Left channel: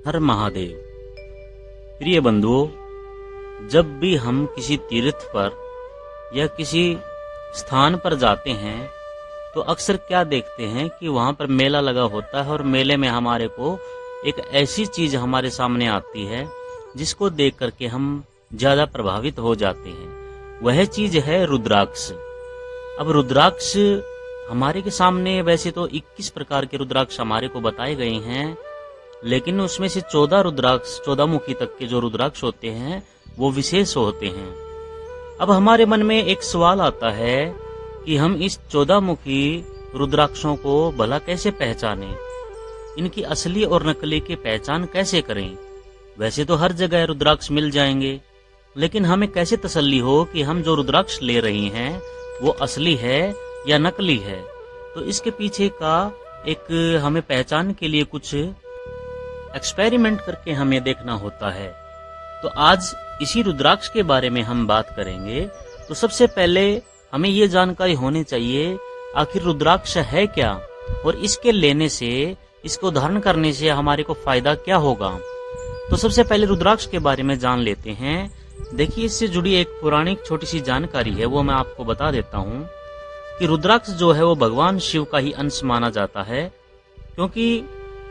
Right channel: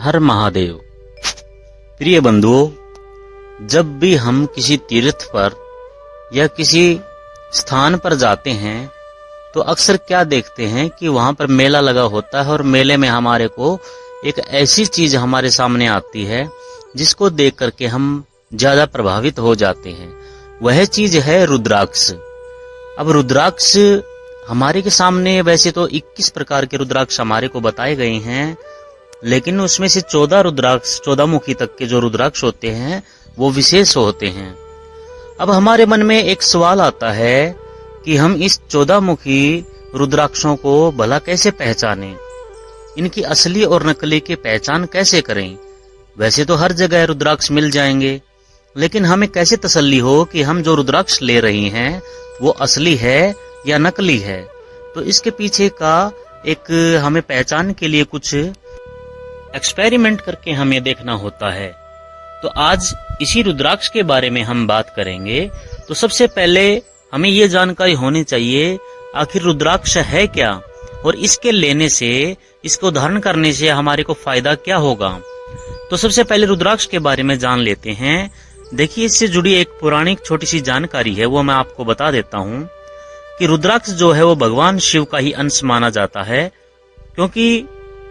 हर महादेव। प्रिय बंधुओं, जब भी हम किसी तीर्थ पर या किसी स्थान पर जाते हैं तो अक्सर क्या देखते हैं कि वहां पर मेला लगा होता है और मेले में हमारे को एक ऐसी चीज हमारे सामने आती है जिसको देख करके हम ज्यादा प्रभावित हो जाते हैं। वह चीज है रुद्राक्ष। अब रुद्राक्ष हमारे के सामने वैसे तो 21 प्रकार के रुद्राक्ष हमारे को बताए गए हैं, लेकिन उसमें से 14 रुद्राक्ष 14 मुखी तक के जो रुद्राक्ष होते हैं वो विशेष होते हैं। अब हमारे मन में एक सवाल आता है कि हम इस 14 मुखी रुद्राक्षों को भला कैसे पहचानें, इनकी असली और नकली की पहचान कैसे करें। वैसे तो हर जगह रुद्राक्ष मिल जाएंगे, लेकिन हमें कैसे तसल्ली हो कि हम जो रुद्राक्ष ले रहे हैं वो असली है या नकली है। तो इसके पीछे का एक हमें पहचान के लिए कुछ एक्सपेरिमेंट करके हमें देखना होता है। तो आज इसी रुद्राक्ष के बारे में हम बात करेंगे। तो सबसे पहले हमें ये जानकारी होनी चाहिए आखिर रुद्राक्ष है क्या, और इसके लेने से, इसको धारण करने से हमारे को फायदा क्या होगा। तो सबसे पहले रुद्राक्ष के बारे में जान लेते हैं। देखिए, इससे जुड़ी एक पौराणिक छोटी सी जानकारी है, वो मैं आपको बता देता हूँ कि रुद्राक्ष जो है वो भगवान शिव का ही अंश माना जाता है, क्योंकि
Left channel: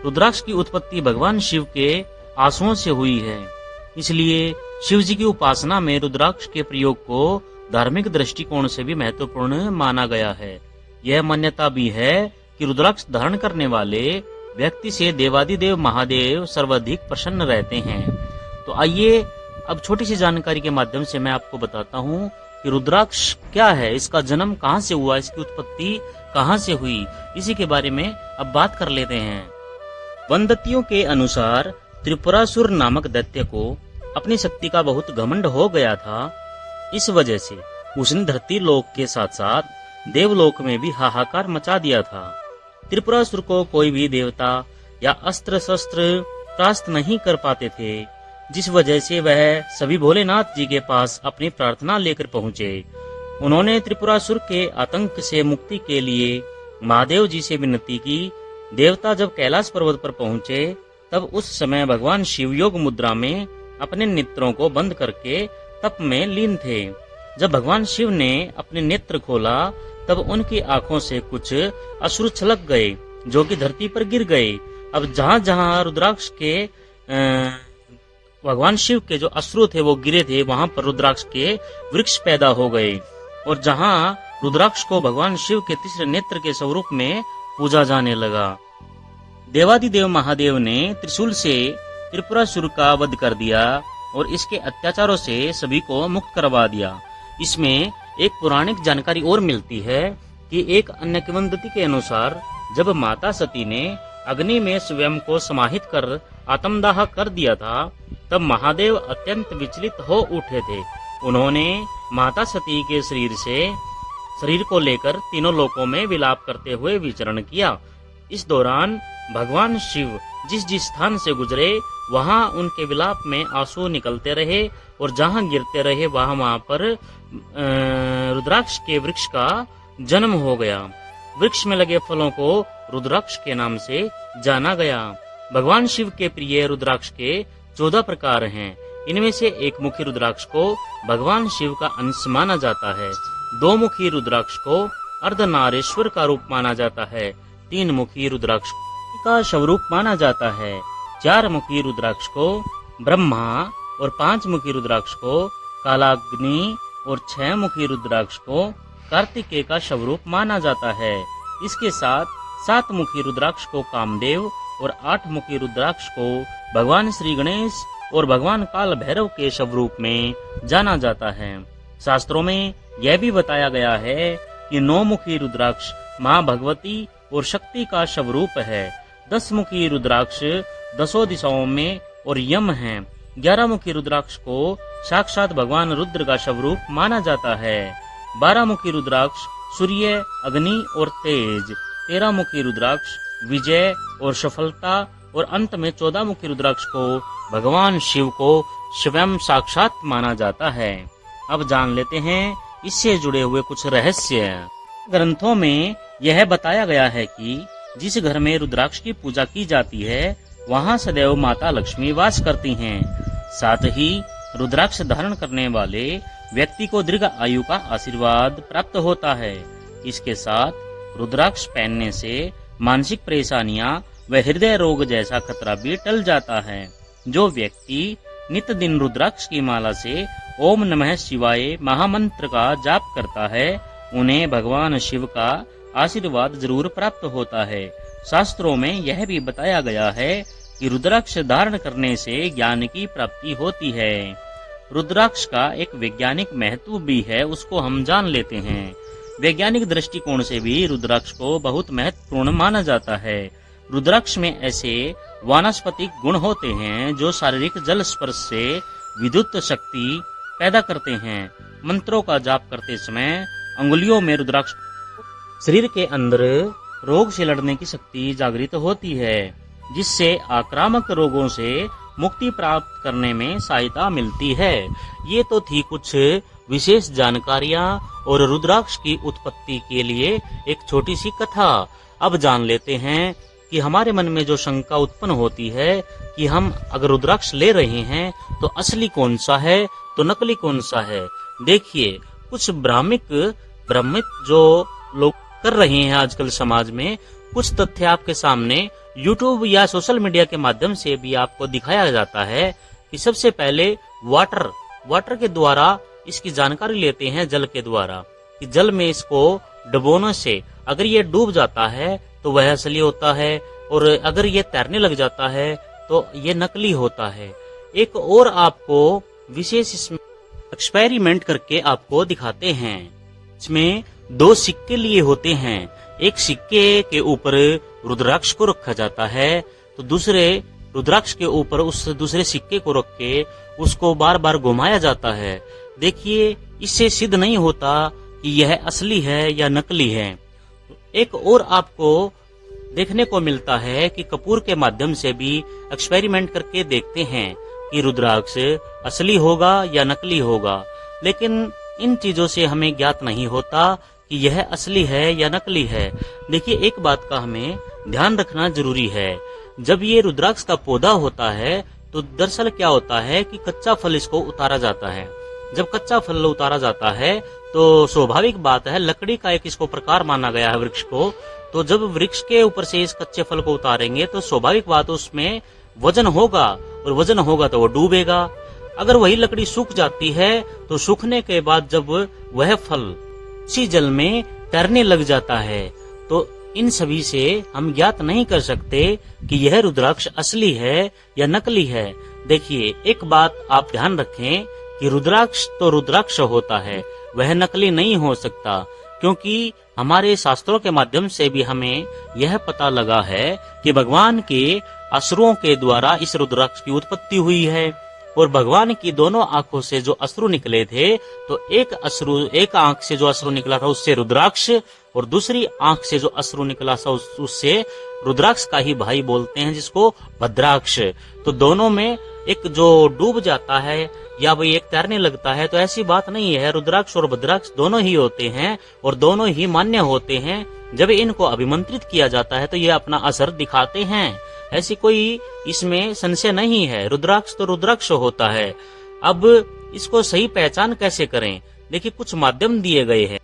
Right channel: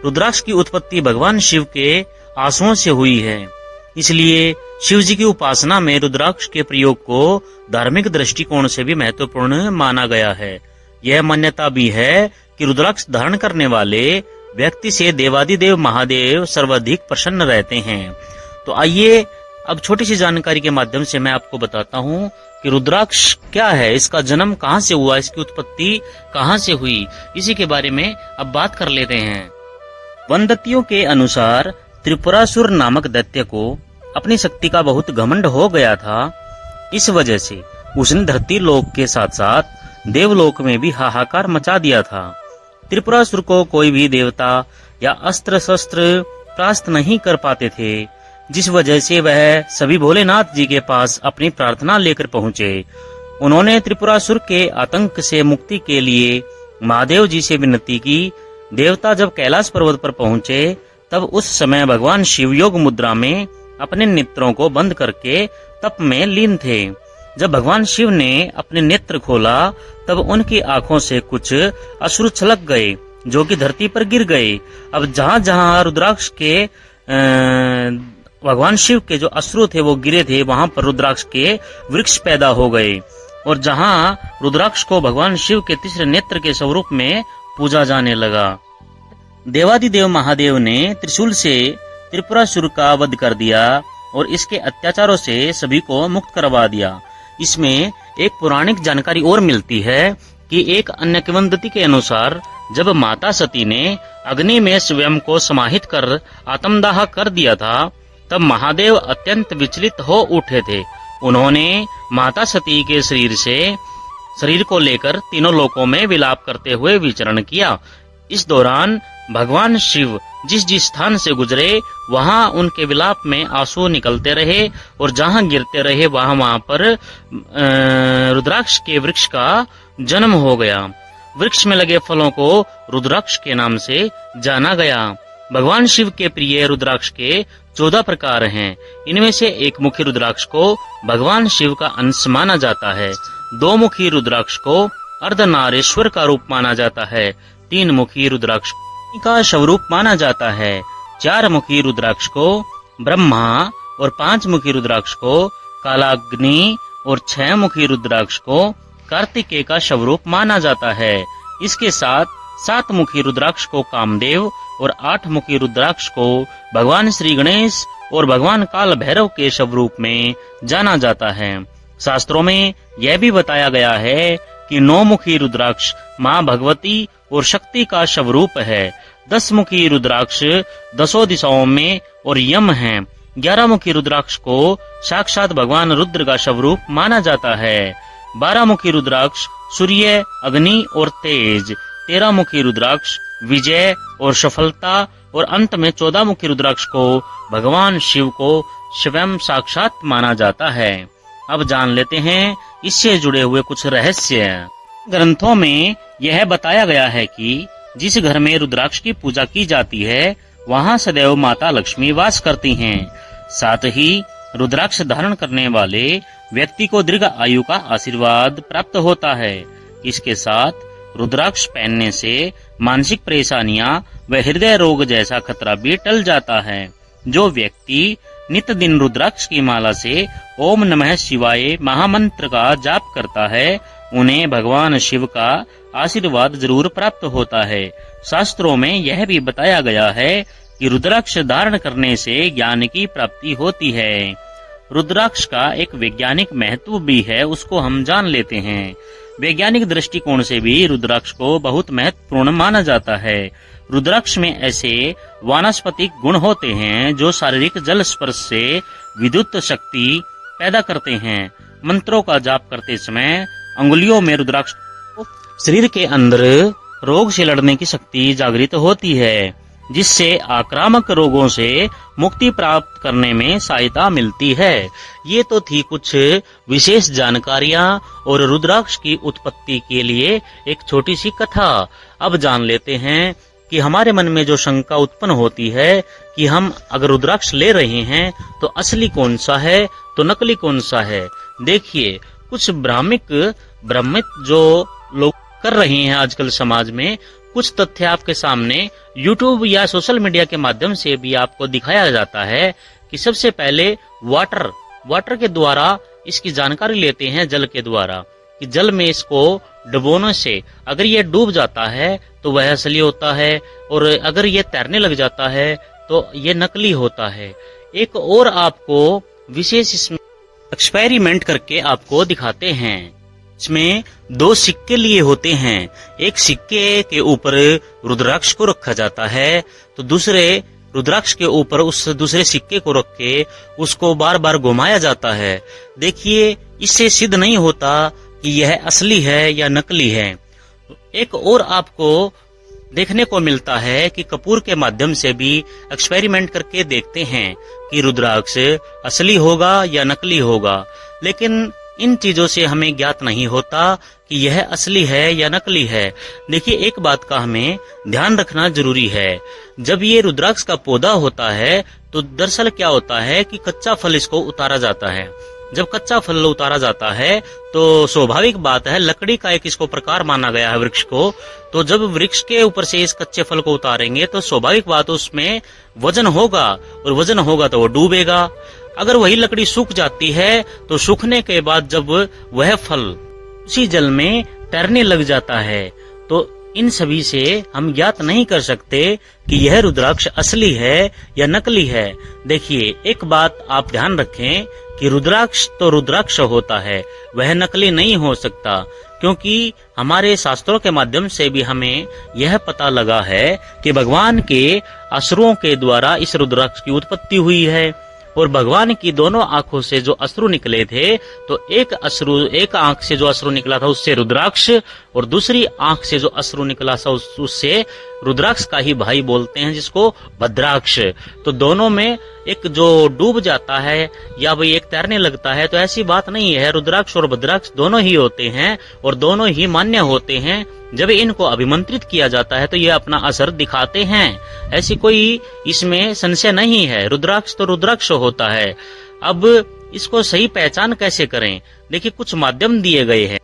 रुद्राक्ष की उत्पत्ति भगवान शिव के आंसुओं से हुई है। इसलिए शिव जी की उपासना में रुद्राक्ष के प्रयोग को धार्मिक दृष्टिकोण से भी महत्वपूर्ण माना गया है। यह मान्यता भी है कि रुद्राक्ष धारण करने वाले व्यक्ति से देवादिदेव महादेव सर्वाधिक प्रसन्न रहते हैं। तो आइए अब छोटी सी जानकारी के माध्यम से मैं आपको बताता हूँ कि रुद्राक्ष क्या है, इसका जन्म कहाँ से हुआ, इसकी उत्पत्ति कहाँ से हुई, इसी के बारे में अब बात कर लेते हैं। वनदतियों के अनुसार त्रिपुरासुर नामक दैत्य को अपनी शक्ति का बहुत घमंड हो गया था। इस वजह से उसने धरती लोक के साथ साथ देवलोक में भी हाहाकार मचा दिया था। त्रिपुरासुर को कोई भी देवता या अस्त्र शस्त्र प्राप्त नहीं कर पाते थे, जिस वजह से वह सभी भोलेनाथ जी के पास अपनी प्रार्थना लेकर पहुँचे। उन्होंने त्रिपुरासुर के आतंक से मुक्ति के लिए महादेव जी से विनती की। देवता जब कैलाश पर्वत पर पहुँचे तब उस समय भगवान शिव योग मुद्रा में अपने नेत्रों को बंद करके तप में लीन थे। जब भगवान शिव ने अपने नेत्र खोला तब उनकी आंखों से कुछ अश्रु छलक गए जो कि धरती पर गिर गए। अब जहाँ जहाँ रुद्राक्ष के भगवान शिव के जो अश्रु थे वो गिरे थे, वहां पर रुद्राक्ष के वृक्ष पैदा हो गए, और जहां रुद्राक्ष को भगवान शिव के तीसरे नेत्र के स्वरूप में पूजा जाने लगा। देवादिदेव महादेव ने त्रिशूल से त्रिपुरासुर का वध कर दिया और इसके अत्याचारों से सभी को मुक्त करवा दिया। इसमें एक पौराणिक जानकारी और मिलती है कि एक अन्य किंवदंती के अनुसार जब माता सती ने अग्नि में स्वयं को समाहित कर आत्मदाह कर दिया था, तब महादेव अत्यंत विचलित हो उठे थे। उन्होंने माता सती के शरीर को लेकर तीनों लोकों में विलाप करते हुए विचरण किया। इस दौरान भगवान शिव जिस जिस स्थान से गुजरे वहां उनके विलाप में आंसू निकलते रहे, और जहां गिरते रहे वहां पर रुद्राक्ष के वृक्ष का जन्म हो गया। वृक्ष में लगे फलों को रुद्राक्ष के नाम से जाना गया। भगवान शिव के प्रिय रुद्राक्ष के 14 प्रकार हैं। इनमें से एक मुखी रुद्राक्ष को भगवान शिव का अंश माना जाता है। 2 मुखी रुद्राक्ष को अर्धनारीश्वर का रूप माना जाता है। 3 मुखी रुद्राक्ष का स्वरूप माना जाता है। 4 मुखी रुद्राक्ष को ब्रह्मा और 5 मुखी रुद्राक्ष को कालाग्नि और 6 मुखी रुद्राक्ष को कार्तिकेय का स्वरूप माना जाता है। इसके साथ 7 मुखी रुद्राक्ष को कामदेव और 8 मुखी रुद्राक्ष को भगवान श्री गणेश और भगवान काल भैरव के स्वरूप में जाना जाता है। शास्त्रों में यह भी बताया गया है कि 9 मुखी रुद्राक्ष माँ भगवती और शक्ति का स्वरूप है। 10 मुखी रुद्राक्ष 10 दिशाओं में और यम है। 11 मुखी रुद्राक्ष को साक्षात भगवान रुद्र का स्वरूप माना जाता है। 12 मुखी रुद्राक्ष सूर्य, अग्नि और तेज। 13 मुखी रुद्राक्ष विजय और सफलता, और अंत में 14 मुखी रुद्राक्ष को भगवान शिव को स्वयं साक्षात माना जाता है। अब जान लेते हैं इससे जुड़े हुए कुछ रहस्य। ग्रंथों में यह बताया गया है कि जिस घर में रुद्राक्ष की पूजा की जाती है वहाँ सदैव माता लक्ष्मी वास करती हैं। साथ ही रुद्राक्ष धारण करने वाले व्यक्ति को दीर्घ आयु का आशीर्वाद प्राप्त होता है। इसके साथ रुद्राक्ष पहनने से मानसिक परेशानियां व हृदय रोग जैसा खतरा भी टल जाता है। जो व्यक्ति नित्य दिन रुद्राक्ष की माला से ओम नमः शिवाय महामंत्र का जाप करता है, उन्हें भगवान शिव का आशीर्वाद जरूर प्राप्त होता है। शास्त्रों में यह भी बताया गया है कि रुद्राक्ष धारण करने से ज्ञान की प्राप्ति होती है। रुद्राक्ष का एक वैज्ञानिक महत्व भी है, उसको हम जान लेते हैं। वैज्ञानिक दृष्टिकोण से भी रुद्राक्ष को बहुत महत्वपूर्ण माना जाता है। रुद्राक्ष में ऐसे वानस्पतिक गुण होते हैं जो शारीरिक जल स्पर्श से विद्युत शक्ति पैदा करते हैं। मंत्रों का जाप करते समय अंगुलियों में रुद्राक्ष शरीर के अंदर रोग से लड़ने की शक्ति जागृत होती है, जिससे आक्रामक रोगों से मुक्ति प्राप्त करने में सहायता मिलती है। ये तो थी कुछ विशेष जानकारियां और रुद्राक्ष की उत्पत्ति के लिए एक छोटी सी कथा। अब जान लेते हैं कि हमारे मन में जो शंका उत्पन्न होती है कि हम अगर रुद्राक्ष ले रहे हैं तो असली कौन सा है तो नकली कौन सा है। देखिए, कुछ भ्रमित जो लोग कर रहे हैं आजकल समाज में, कुछ तथ्य आपके सामने YouTube या सोशल मीडिया के माध्यम से भी आपको दिखाया जाता है कि सबसे पहले वाटर के द्वारा इसकी जानकारी लेते हैं, जल के द्वारा, कि जल में इसको डुबोने से अगर ये डूब जाता है तो वह असली होता है, और अगर ये तैरने लग जाता है तो ये नकली होता है। एक और आपको विशेष इसमें एक्सपेरिमेंट करके आपको दिखाते हैं। इसमें 2 सिक्के लिए होते हैं। एक सिक्के के ऊपर रुद्राक्ष को रखा जाता है, तो दूसरे रुद्राक्ष के ऊपर उस दूसरे सिक्के को रख के उसको बार बार घुमाया जाता है। देखिए, इससे सिद्ध नहीं होता कि यह असली है या नकली है। एक और आपको देखने को मिलता है कि कपूर के माध्यम से भी एक्सपेरिमेंट करके देखते हैं कि रुद्राक्ष असली होगा या नकली होगा, लेकिन इन चीजों से हमें ज्ञात नहीं होता कि यह असली है या नकली है। देखिए, एक बात का हमें ध्यान रखना जरूरी है। जब ये रुद्राक्ष का पौधा होता है तो दरअसल क्या होता है कि कच्चा फल इसको उतारा जाता है। जब कच्चा फल उतारा जाता है तो स्वाभाविक बात है, लकड़ी का एक इसको प्रकार माना गया है वृक्ष को, तो जब वृक्ष के ऊपर से इस कच्चे फल को उतारेंगे तो स्वाभाविक बात उसमें वजन होगा, और वजन होगा तो वो डूबेगा। अगर वही लकड़ी सूख जाती है तो सूखने के बाद जब वह फल उसी जल में तैरने लग जाता है, तो इन सभी से हम ज्ञात नहीं कर सकते कि यह रुद्राक्ष असली है या नकली है। देखिए, एक बात आप ध्यान रखें कि रुद्राक्ष तो रुद्राक्ष होता है, वह नकली नहीं हो सकता, क्योंकि हमारे शास्त्रों के माध्यम से भी हमें यह पता लगा है कि भगवान के असुरों के द्वारा इस रुद्राक्ष की उत्पत्ति हुई है। और भगवान की दोनों आंखों से जो अश्रु निकले थे, तो एक आंख से जो अश्रु निकला था उससे रुद्राक्ष, और दूसरी आंख से जो अश्रु निकला था उससे रुद्राक्ष का ही भाई बोलते हैं, जिसको भद्राक्ष। तो दोनों में एक जो डूब जाता है या भाई एक तैरने लगता है, तो ऐसी बात नहीं है। रुद्राक्ष और भद्राक्ष दोनों ही होते हैं और दोनों ही मान्य होते हैं। जब इनको अभिमंत्रित किया जाता है तो ये अपना असर दिखाते हैं, ऐसी कोई इसमें संशय नहीं है। रुद्राक्ष तो रुद्राक्ष होता है। अब इसको सही पहचान कैसे करें? देखिए, कुछ माध्यम दिए गए हैं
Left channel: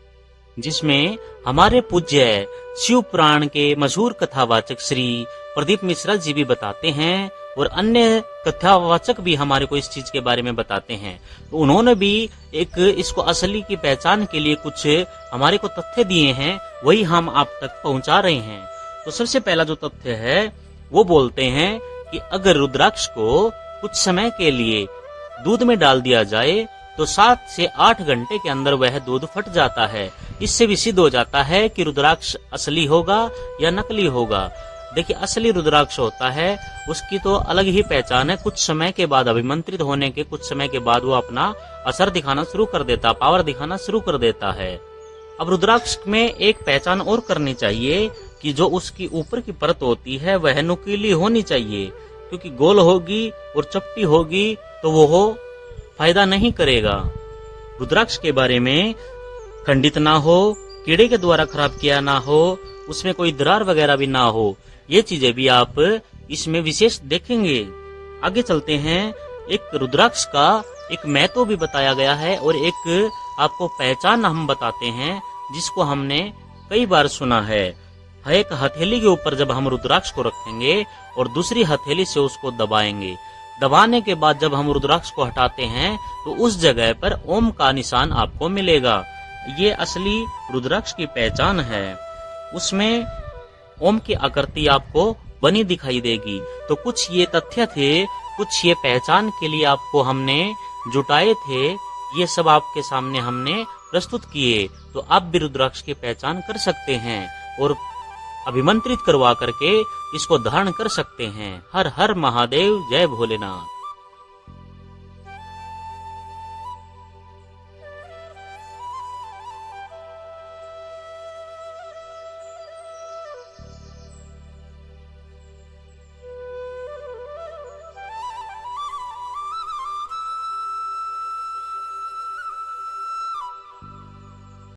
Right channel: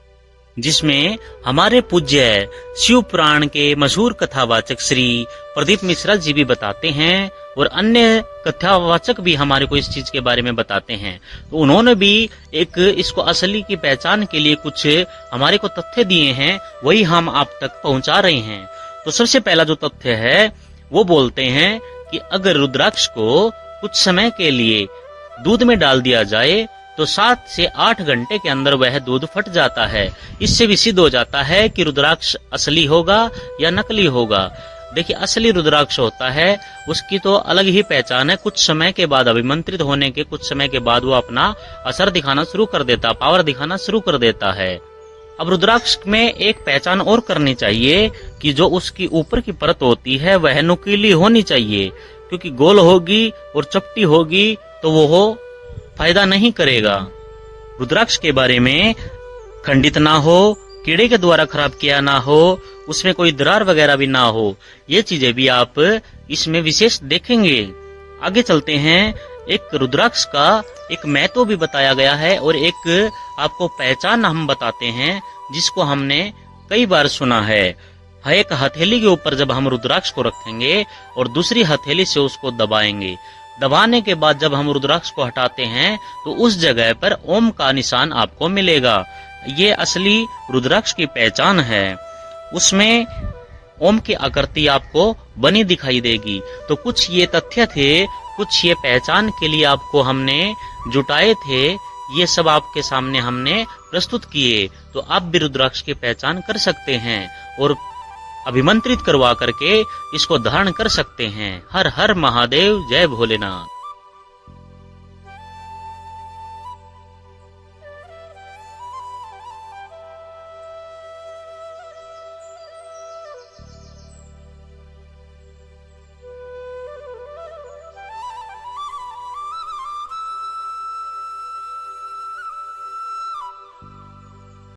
जिसमें हमारे पूज्य शिव पुराण के मशहूर कथावाचक श्री प्रदीप मिश्रा जी भी बताते हैं, और अन्य कथावाचक भी हमारे को इस चीज के बारे में बताते हैं। तो उन्होंने भी एक इसको असली की पहचान के लिए कुछ हमारे को तथ्य दिए हैं, वही हम आप तक पहुंचा रहे हैं। तो सबसे पहला जो तथ्य है वो बोलते हैं कि अगर रुद्राक्ष को कुछ समय के लिए दूध में डाल दिया जाए तो 7 से 8 घंटे के अंदर वह दूध फट जाता है। इससे भी सिद्ध हो जाता है कि रुद्राक्ष असली होगा या नकली होगा। देखिए, असली रुद्राक्ष होता है उसकी तो अलग ही पहचान है। कुछ समय के बाद, अभिमंत्रित होने के कुछ समय के बाद वो अपना असर दिखाना शुरू कर देता, पावर दिखाना शुरू कर देता है। अब रुद्राक्ष में एक पहचान और करनी चाहिए कि जो उसकी ऊपर की परत होती है वह नुकीली होनी चाहिए, क्योंकि गोल होगी और चपटी होगी तो वो फायदा नहीं करेगा। रुद्राक्ष के बारे में खंडित ना हो, कीड़े के द्वारा खराब किया ना हो, उसमें कोई दरार वगैरह भी ना हो, ये चीजें भी आप इसमें विशेष देखेंगे। आगे चलते हैं। एक रुद्राक्ष का एक महत्व भी बताया गया है और एक आपको पहचान हम बताते हैं जिसको हमने कई बार सुना है। एक हथेली के ऊपर जब हम रुद्राक्ष को रखेंगे और दूसरी हथेली से उसको दबाएंगे, दबाने के बाद जब हम रुद्राक्ष को हटाते हैं तो उस जगह पर ओम का निशान आपको मिलेगा। ये असली रुद्राक्ष की पहचान है। उसमें ओम की आकृति आपको बनी दिखाई देगी। तो कुछ ये तथ्य थे, कुछ ये पहचान के लिए आपको हमने जुटाए थे, ये सब आपके सामने हमने प्रस्तुत किए। तो आप भी रुद्राक्ष की पहचान कर सकते हैं और अभिमंत्रित करवा करके इसको धारण कर सकते हैं। हर हर महादेव, जय भोलेनाथ।